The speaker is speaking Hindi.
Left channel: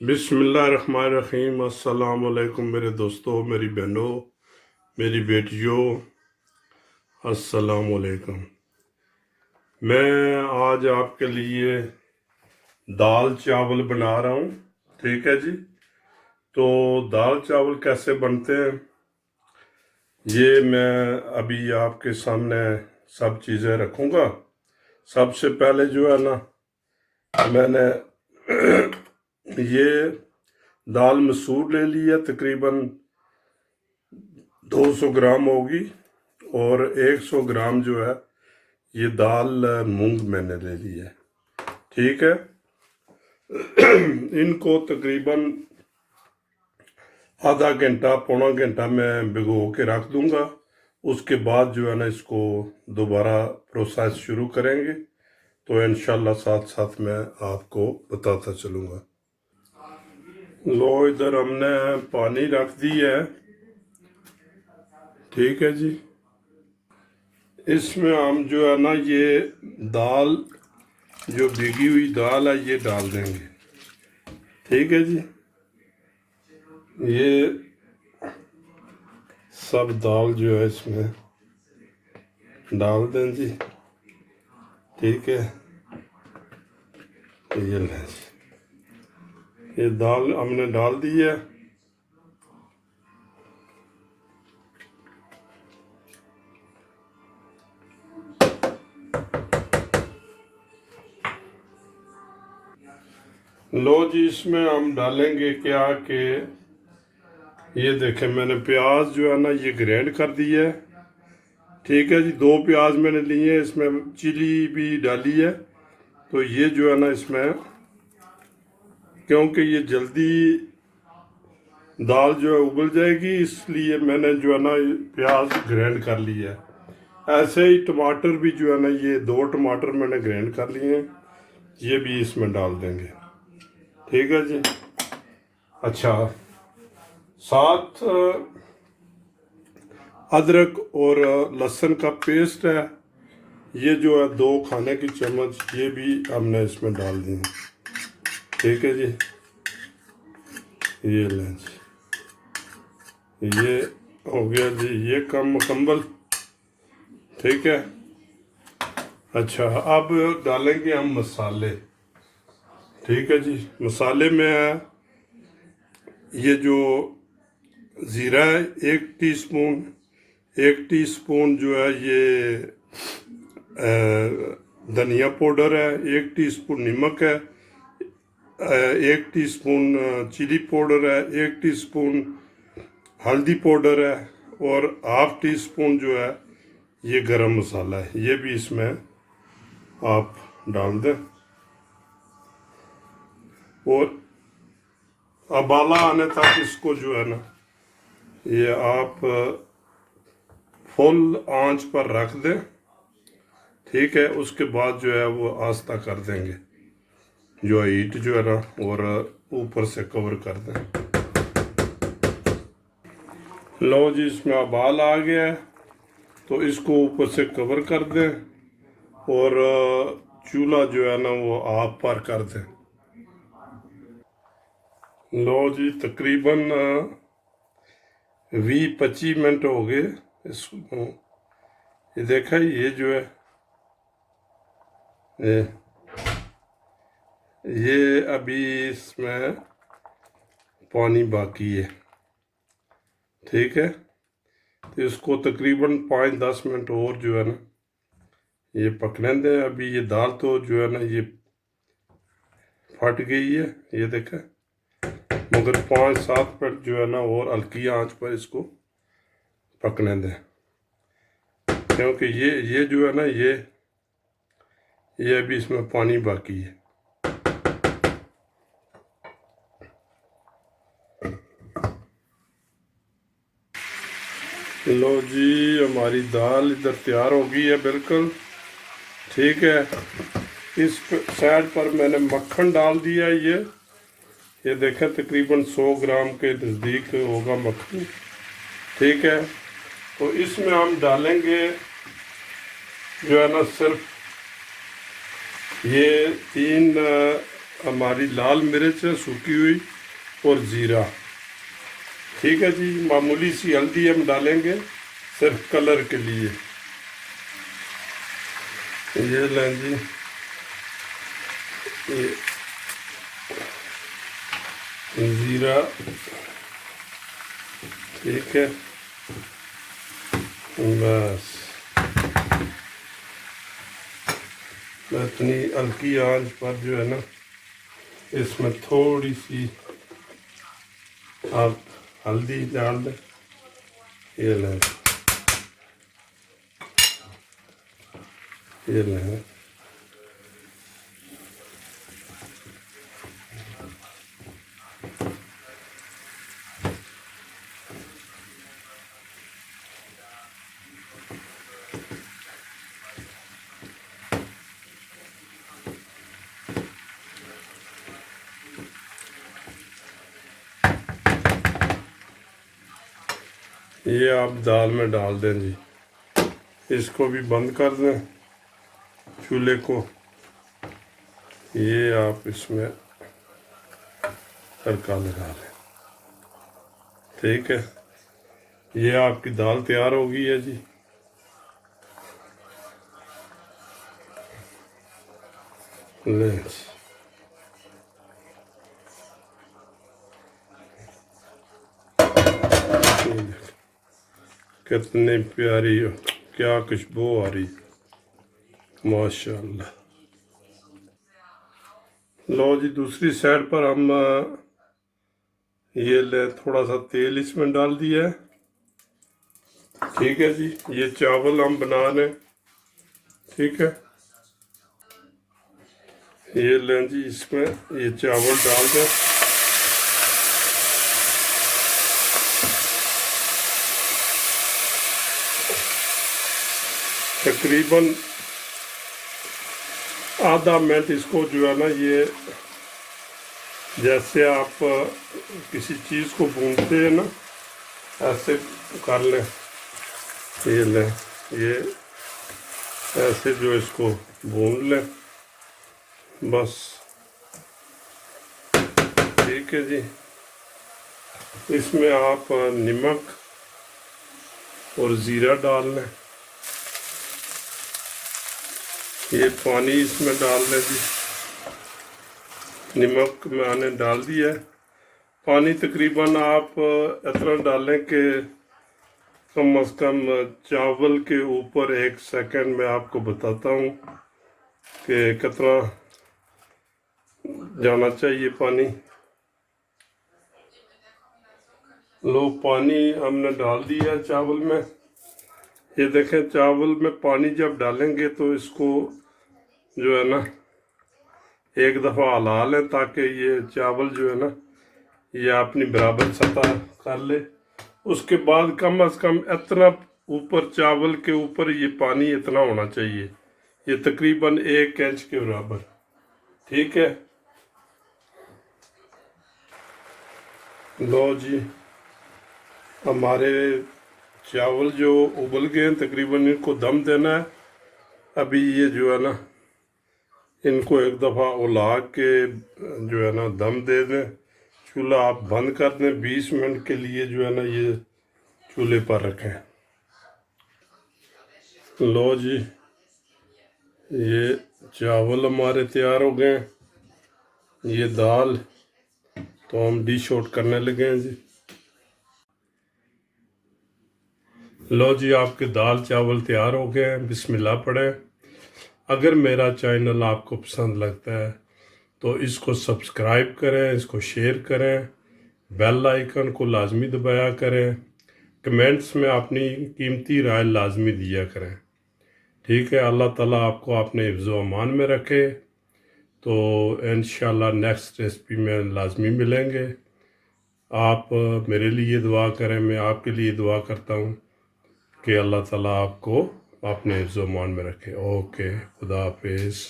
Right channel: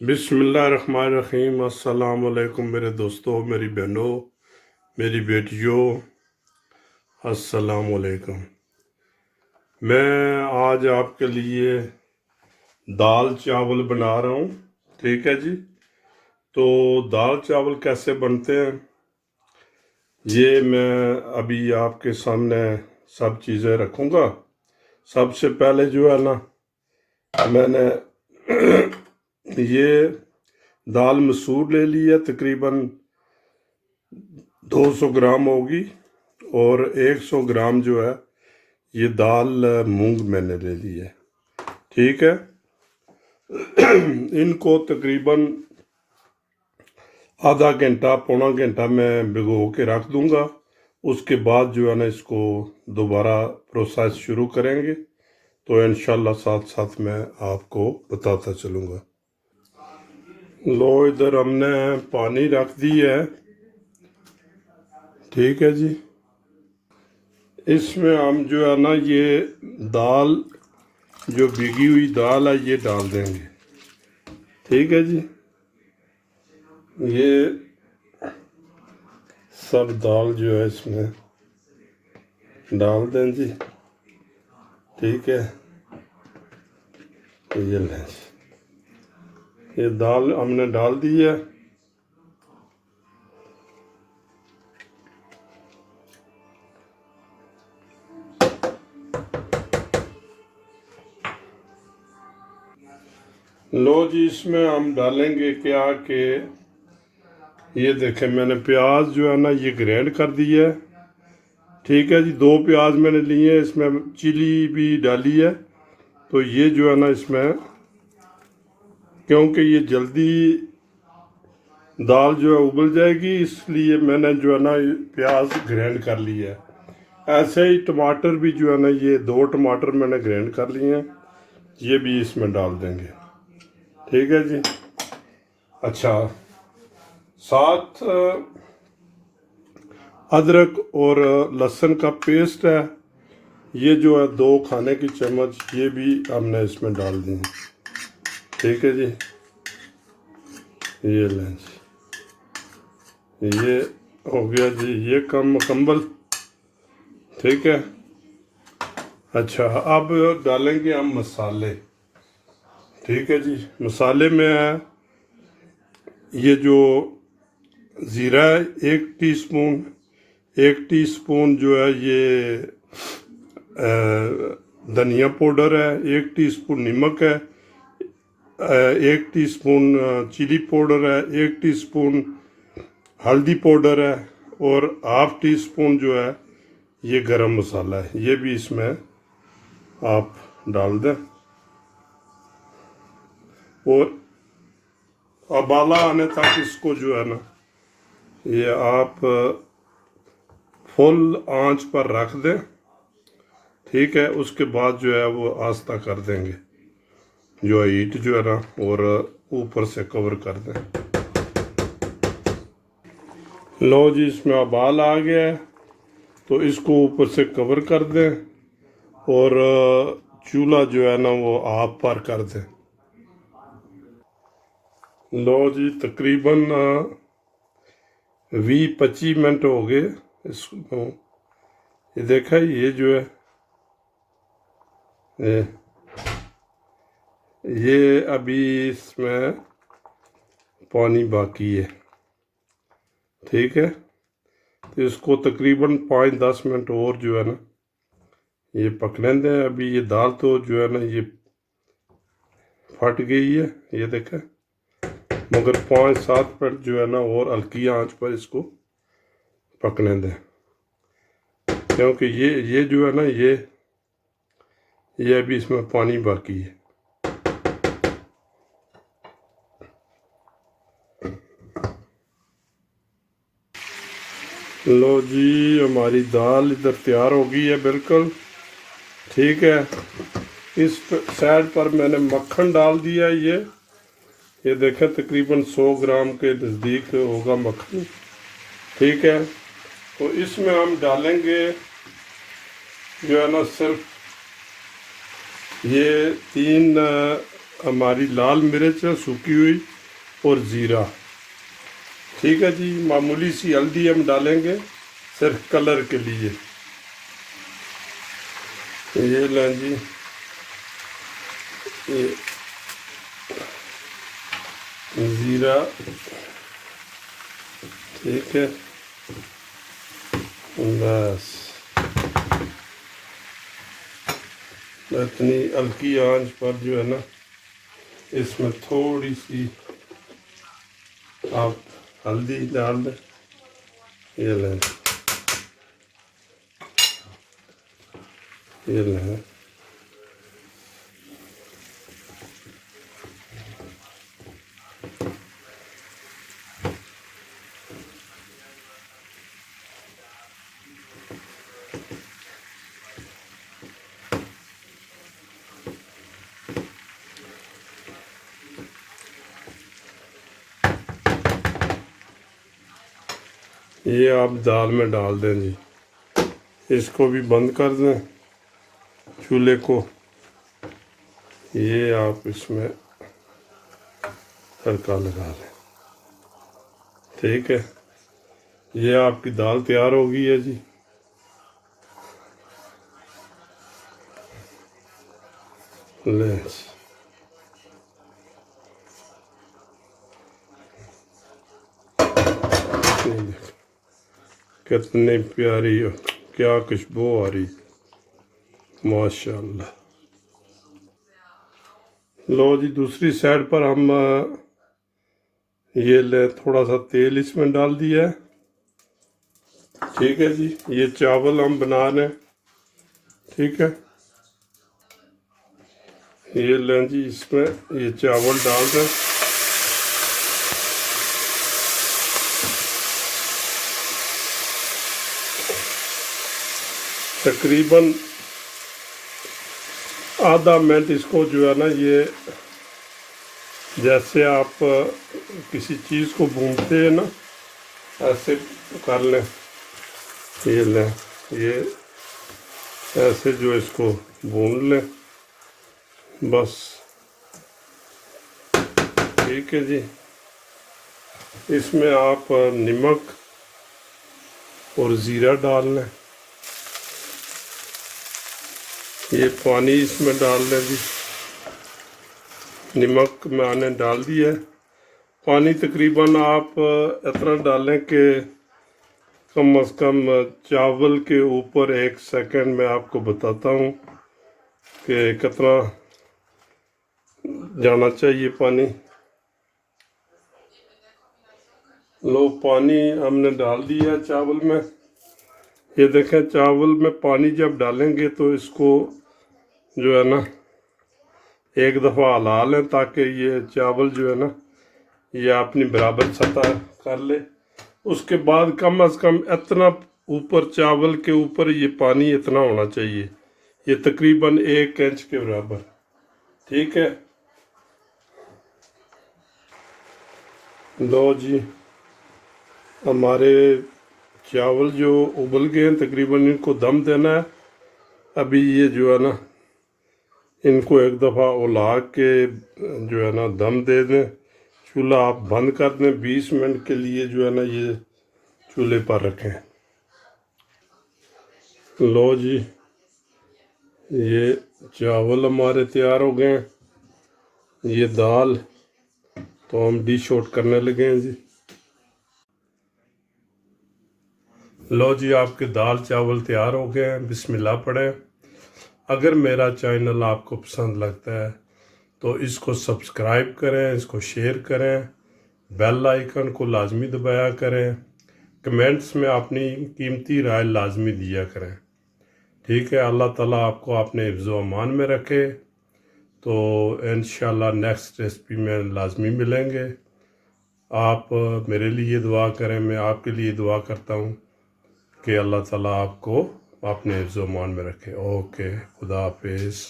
बिस्मिल्लाहिर्रहमानिर्रहीम। अस्सलाम वालेकुम मेरे दोस्तों, मेरी बहनों, मेरी बेटियों, अस्सलाम वालेकुम। मैं आज आपके लिए दाल चावल बना रहा हूँ। ठीक है जी। तो दाल चावल कैसे बनते हैं ये मैं अभी आपके सामने सब चीज़ें रखूँगा। सबसे पहले जो है ना, मैंने ये दाल मसूर ले ली है, तकरीबन 200 ग्राम होगी। और 100 ग्राम जो है ये दाल मूंग मैंने ले ली है। ठीक है। इनको तकरीबन आधा घंटा पौना घंटा मैं भिगो के रख दूंगा। उसके बाद जो है ना, इसको दोबारा प्रोसेस शुरू करेंगे। तो इंशाल्लाह साथ साथ मैं आपको बताता चलूँगा। लो, इधर हमने पानी रख दी है। ठीक है जी। इसमें हम जो है ना, ये दाल जो भीगी हुई दाल है ये डाल देंगे। ठीक है जी। ये सब दाल जो है इसमें डाल दें जी। ठीक है। तो ये लें जी, ये दाल हमने डाल दी है। लो जी, इसमें हम डालेंगे क्या कि ये देखें, मैंने प्याज जो है ना ये ग्राइंड कर दी है। ठीक है जी। 2 प्याज मैंने लिए हैं, इसमें चिली भी डाली है। तो ये जो है ना, इसमें क्योंकि ये जल्दी दाल जो है उबल जाएगी, इसलिए मैंने जो है ना प्याज ग्राइंड कर लिया है। ऐसे ही टमाटर भी जो है ना, ये 2 टमाटर मैंने ग्राइंड कर लिए हैं, ये भी इसमें डाल देंगे। ठीक है जी। अच्छा, साथ अदरक और लहसुन का पेस्ट है, ये जो है 2 खाने की चम्मच, ये भी हमने इसमें डाल दी है। ठीक है जी। ये लें जी, ये हो गया जी, ये कम मुकम्मल। ठीक है। अच्छा, अब डालेंगे हम मसाले। ठीक है जी। मसाले में है ये जो ज़ीरा है 1 टीस्पून, 1 टीस्पून जो है ये धनिया पाउडर है, 1 टीस्पून नमक है, 1 टीस्पून चिली पाउडर है, 1 टीस्पून हल्दी पाउडर है, और हाफ टी स्पून जो है ये गरम मसाला है, ये भी इसमें आप डाल दें। और उबाला आने तक इसको जो है ना, ये आप फुल आंच पर रख दें। ठीक है। उसके बाद जो है वो आस्ता कर देंगे, जो हीट जो है ना, और ऊपर से कवर कर दें। लो जी, इसमें उबाल आ गया है, तो इसको ऊपर से कवर कर दें और चूल्हा जो है ना वो ऑफ पर कर दें। लो जी, तकरीबन 20-25 मिनट हो गए इसको। ये देखा, ये जो है ये अभी इसमें पानी बाकी है। ठीक है। तो इसको तकरीबन 5-10 मिनट और जो है ना ये पकने दें। अभी ये दाल तो जो है ना ये फट गई है, ये देखा, मगर 5-7 मिनट जो है ना और हल्की आंच पर इसको पकने दें, क्योंकि ये जो है ना ये अभी इसमें पानी बाकी है। लो जी, हमारी दाल इधर तैयार हो गई है बिल्कुल। ठीक है। इस साइड पर मैंने मक्खन डाल दिया है। ये देखें, तकरीबन 100 ग्राम के नज़दीक होगा मक्खन। ठीक है। तो इसमें हम डालेंगे जो है ना, सिर्फ ये 3 हमारी लाल मिर्च है सूखी हुई और ज़ीरा। ठीक है जी, मामूली सी हल्दी हम डालेंगे सिर्फ कलर के लिए। ये लें जी, ये ज़ीरा, ठीक है, बस इतनी हल्की आंच पर जो है ना, इसमें थोड़ी सी आप हल्दी डाल दें। ये लें, ये लें, ये आप दाल में डाल दें जी। इसको भी बंद कर दें चूल्हे को। ये आप इसमें तड़का लगा दें। ठीक है, ये आपकी दाल तैयार हो गई है जी। ले कितनी प्यारी हो, क्या खुशबू आ रही, माशाल्लाह। लो जी, दूसरी साइड पर हम ये ले थोड़ा सा तेल इसमें डाल दिया है। ठीक है जी, ये चावल हम बना रहे हैं। ठीक है, ये लें जी, इसमें ये चावल डाल दें। तकरीबन आधा मिनट इसको जो है ना, ये जैसे आप किसी चीज़ को भूनते हैं ना, ऐसे कर लें। ये लें, ये ऐसे जो इसको भून लें बस। ठीक है जी, इसमें आप नमक और ज़ीरा डाल लें। ये पानी इसमें डाल लें जी। नमक मैंने डाल दिया है। पानी तकरीबन आप इतना डालें कि कम अज़ कम चावल के ऊपर 1 सेकंड में आपको बताता हूँ कि कितना जाना चाहिए पानी। लो, पानी हमने डाल दिया है चावल में। ये देखें, चावल में पानी जब डालेंगे तो इसको जो है ना एक दफ़ा हिला लें ताकि ये चावल जो है ना ये अपनी बराबर सतह कर ले। उसके बाद कम अज़ कम इतना ऊपर, चावल के ऊपर ये पानी इतना होना चाहिए, ये तकरीबन 1 इंच के बराबर। ठीक है, लो जी, हमारे चावल जो उबल गए हैं, तकरीबन इनको दम देना है। अभी ये जो है ना, इनको एक दफ़ा उला के जो है ना दम दे दें। चूल्हा आप बंद कर दें, 20 मिनट के लिए जो है ना ये चूल्हे पर रखें। लो जी, ये चावल हमारे तैयार हो गए हैं। ये दाल तो हम डिश आउट करने लगे हैं जी। लो जी, आपके दाल चावल तैयार हो गए हैं। बिस्मिल्लाह पढ़ें। अगर मेरा चैनल आपको पसंद लगता है तो इसको सब्सक्राइब करें, इसको शेयर करें, बेल आइकन को लाजमी दबाया करें, कमेंट्स में अपनी कीमती राय लाजमी दिया करें। ठीक है, अल्लाह ताला आपको अपने हिफ्ज़ व अमान में रखे। तो इंशाल्लाह नेक्स्ट रेसिपी में लाजमी मिलेंगे। आप मेरे लिए दुआ करें, मैं आपके लिए दुआ करता हूँ कि अल्लाह ताला आपको अपने हिफ्ज़ व अमान में रखे। ओके, खुदा हाफिज़।